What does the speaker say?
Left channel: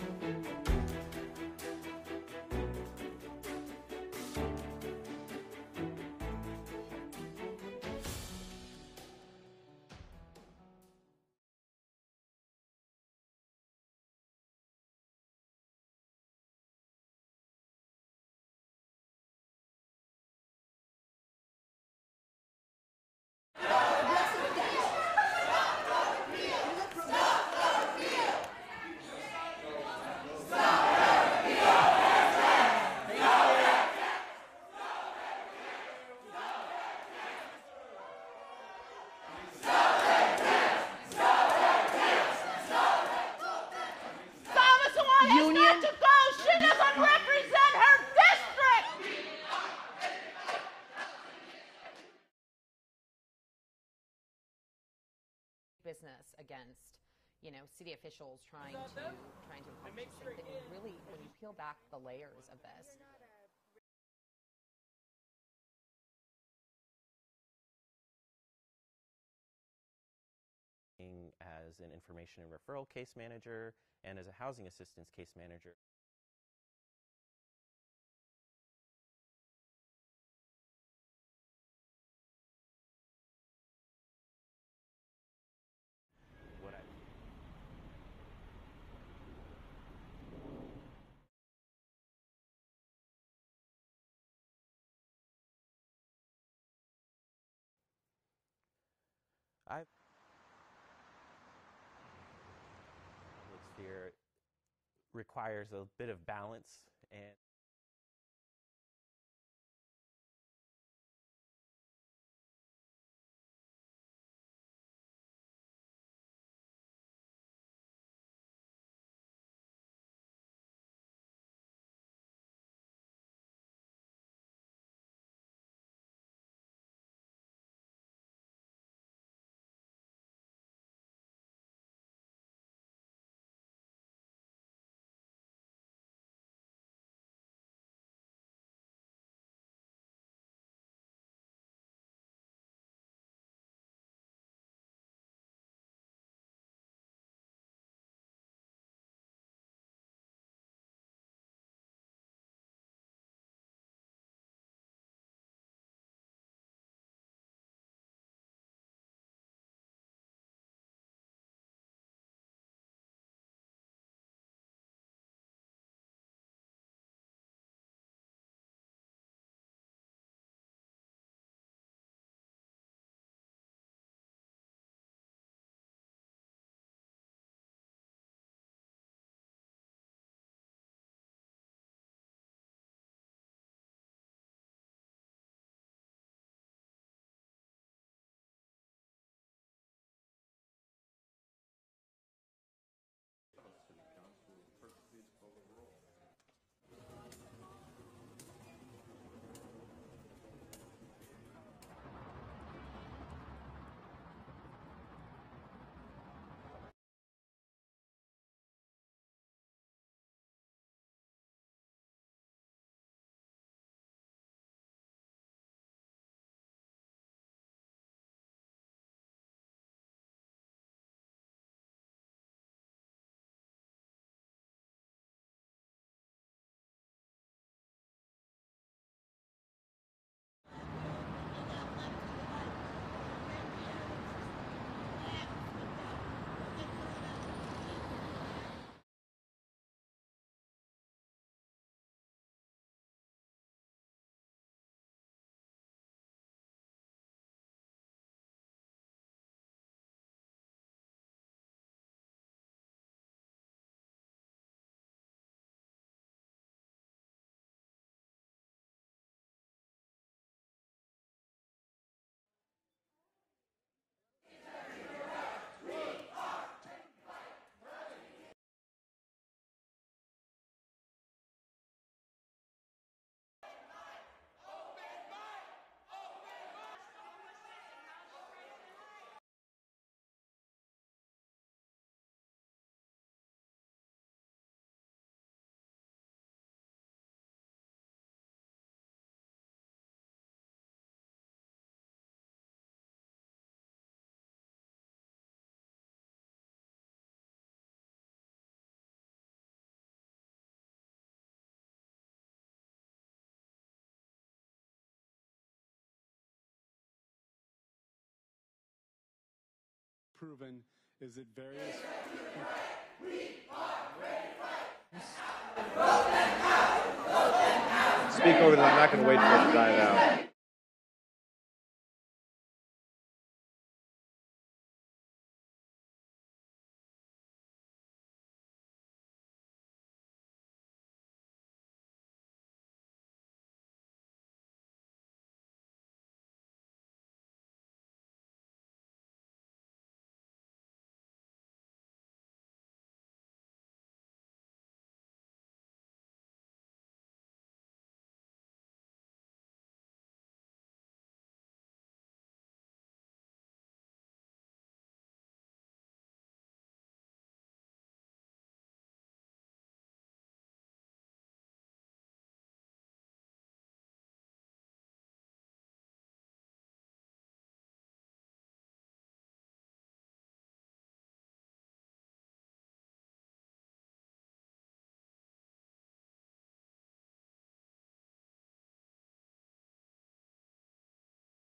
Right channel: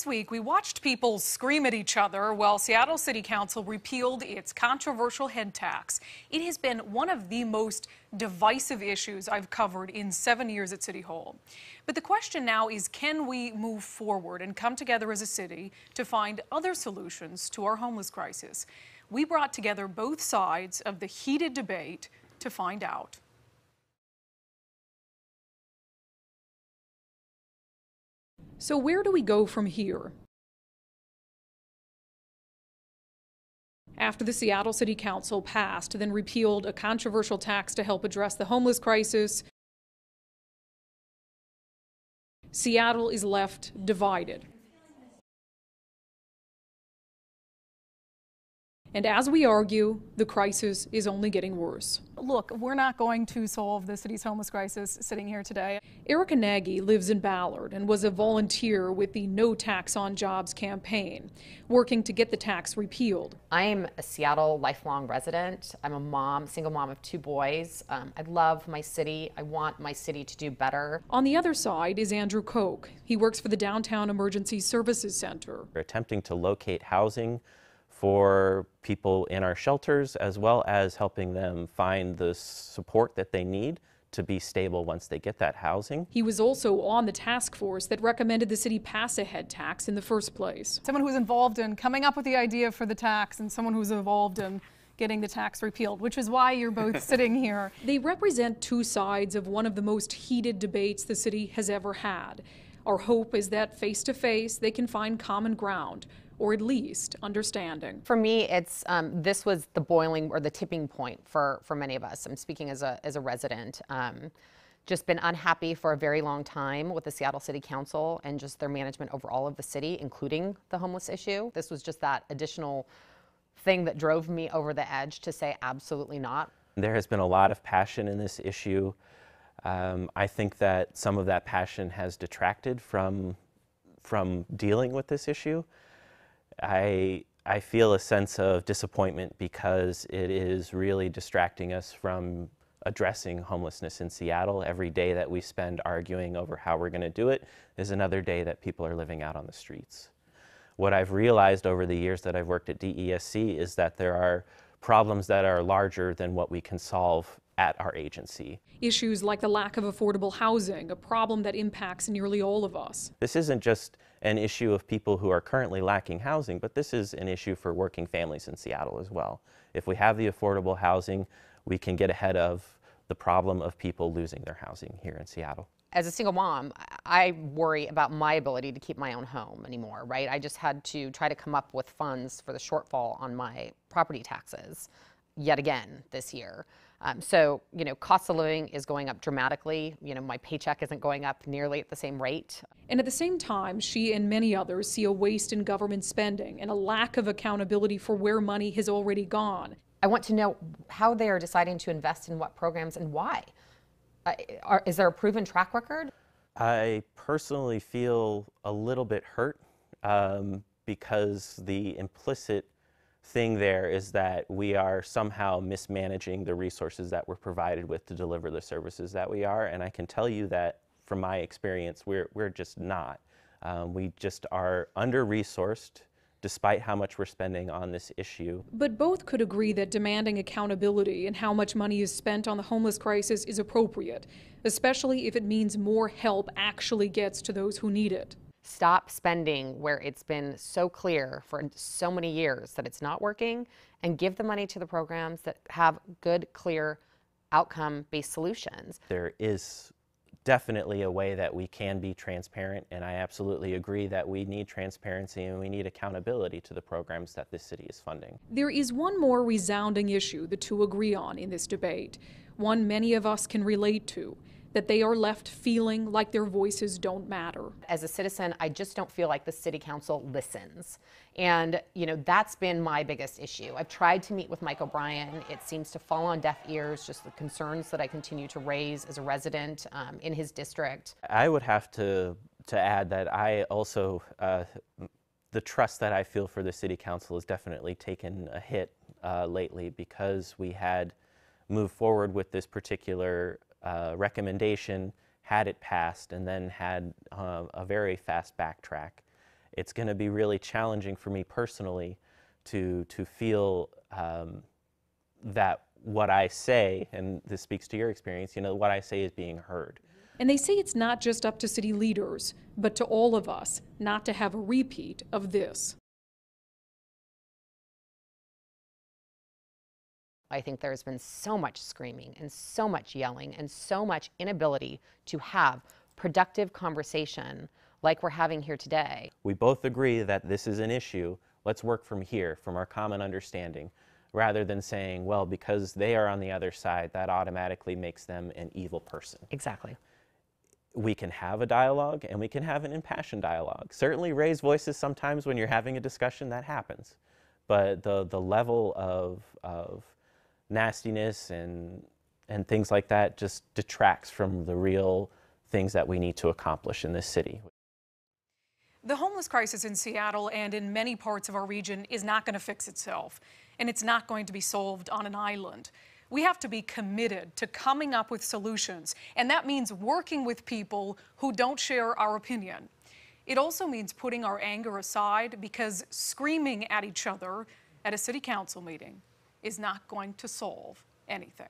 This week, we watched people scream at each other while Seattle City Council repealed its controversial head tax. It has been one of the most divisive issues I've covered in 7 years at City Hall. But the question now is, can we move forward and come together as a city to find other solutions to our homeless crisis? We brought together both sides of the heated debate to find out. So where do we go from here? After the Seattle City Council passed, then repealed a controversial tax to help address the homeless crisis, Seattle is left divided. Union. She doesn't represent her district. And as we argue, the crisis is only getting worse. Look, we're not going to solve the city's homeless crisis sitting here today. Erica Nagy lives in Ballard and was a volunteer with the No Tax on Jobs campaign, working to get the tax repealed. I'm a Seattle lifelong resident. I'm a mom, single mom of 2 boys. I love my city. I want my city to do better. On the other side is Andrew Koch. He works for the Downtown Emergency Services Center. We're attempting to locate housing for people in our shelters, as well as helping them find the support that they need to be stable once they get that housing. He was also on the task force that recommended the city pass a head tax in the first place. Someone who's involved in coming up with the idea for the tax and someone who's involved in getting the tax repealed, which is why you're both sitting here. They represent two sides of one of the most heated debates the city has ever had. Our hope is that face-to-face they can find common ground, or at least understanding. For me, it's this was the boiling or the tipping point for many of us. I'm speaking as a resident. Just been unhappy for a very long time with the Seattle City Council and just their management over all of the city, including the homeless issue. This was just that additional thing that drove me over the edge to say absolutely not. There has been a lot of passion in this issue. I think that some of that passion has detracted from dealing with this issue. I feel a sense of disappointment because it is really distracting us from addressing homelessness in Seattle. Every day that we spend arguing over how we're going to do it is another day that people are living out on the streets. What I've realized over the years that I've worked at DESC is that there are problems that are larger than what we can solve at our agency. Issues like the lack of affordable housing, a problem that impacts nearly all of us. This isn't just an issue of people who are currently lacking housing, but this is an issue for working families in Seattle as well. If we have the affordable housing, we can get ahead of the problem of people losing their housing here in Seattle. As a single mom, I worry about my ability to keep my own home anymore, right? I just had to try to come up with funds for the shortfall on my property taxes yet again this year. So, cost of living is going up dramatically. My paycheck isn't going up nearly at the same rate. And at the same time, she and many others see a waste in government spending and a lack of accountability for where money has already gone. I want to know how they are deciding to invest in what programs and why. Is there a proven track record? I personally feel a little bit hurt because the implicit thing there is that we are somehow mismanaging the resources that we're provided with to deliver the services that we are, and I can tell you that from my experience we're just not. We just are under-resourced despite how much we're spending on this issue. But both could agree that demanding accountability and how much money is spent on the homeless crisis is appropriate, especially if it means more help actually gets to those who need it. Stop spending where it's been so clear for so many years that it's not working, and give the money to the programs that have good, clear, outcome-based solutions. There is definitely a way that we can be transparent, and I absolutely agree that we need transparency and we need accountability to the programs that this city is funding. There is one more resounding issue the two agree on in this debate, one many of us can relate to, that they are left feeling like their voices don't matter. As a citizen, I just don't feel like the city council listens. And, that's been my biggest issue. I've tried to meet with Mike O'Brien. It seems to fall on deaf ears, just the concerns that I continue to raise as a resident in his district. I would have to add that I also, the trust that I feel for the city council has definitely taken a hit lately because we had moved forward with this particular recommendation, had it passed, and then had a very fast backtrack. it's going to be really challenging for me personally to feel that what I say, and this speaks to your experience, what I say is being heard. And they say it's not just up to city leaders, but to all of us not to have a repeat of this. Speak over that. I'm not going to wait for it to die down. I think there's been so much screaming and so much yelling and so much inability to have productive conversation like we're having here today. We both agree that this is an issue. Let's work from here, from our common understanding, rather than saying, well, because they are on the other side, that automatically makes them an evil person. Exactly. We can have a dialogue and we can have an impassioned dialogue. Certainly raise voices sometimes when you're having a discussion, that happens. But the level of nastiness and things like that just detracts from the real things that we need to accomplish in this city. The homeless crisis in Seattle and in many parts of our region is not going to fix itself, and it's not going to be solved on an island. We have to be committed to coming up with solutions, and that means working with people who don't share our opinion. It also means putting our anger aside, because screaming at each other at a city council meeting is not going to solve anything.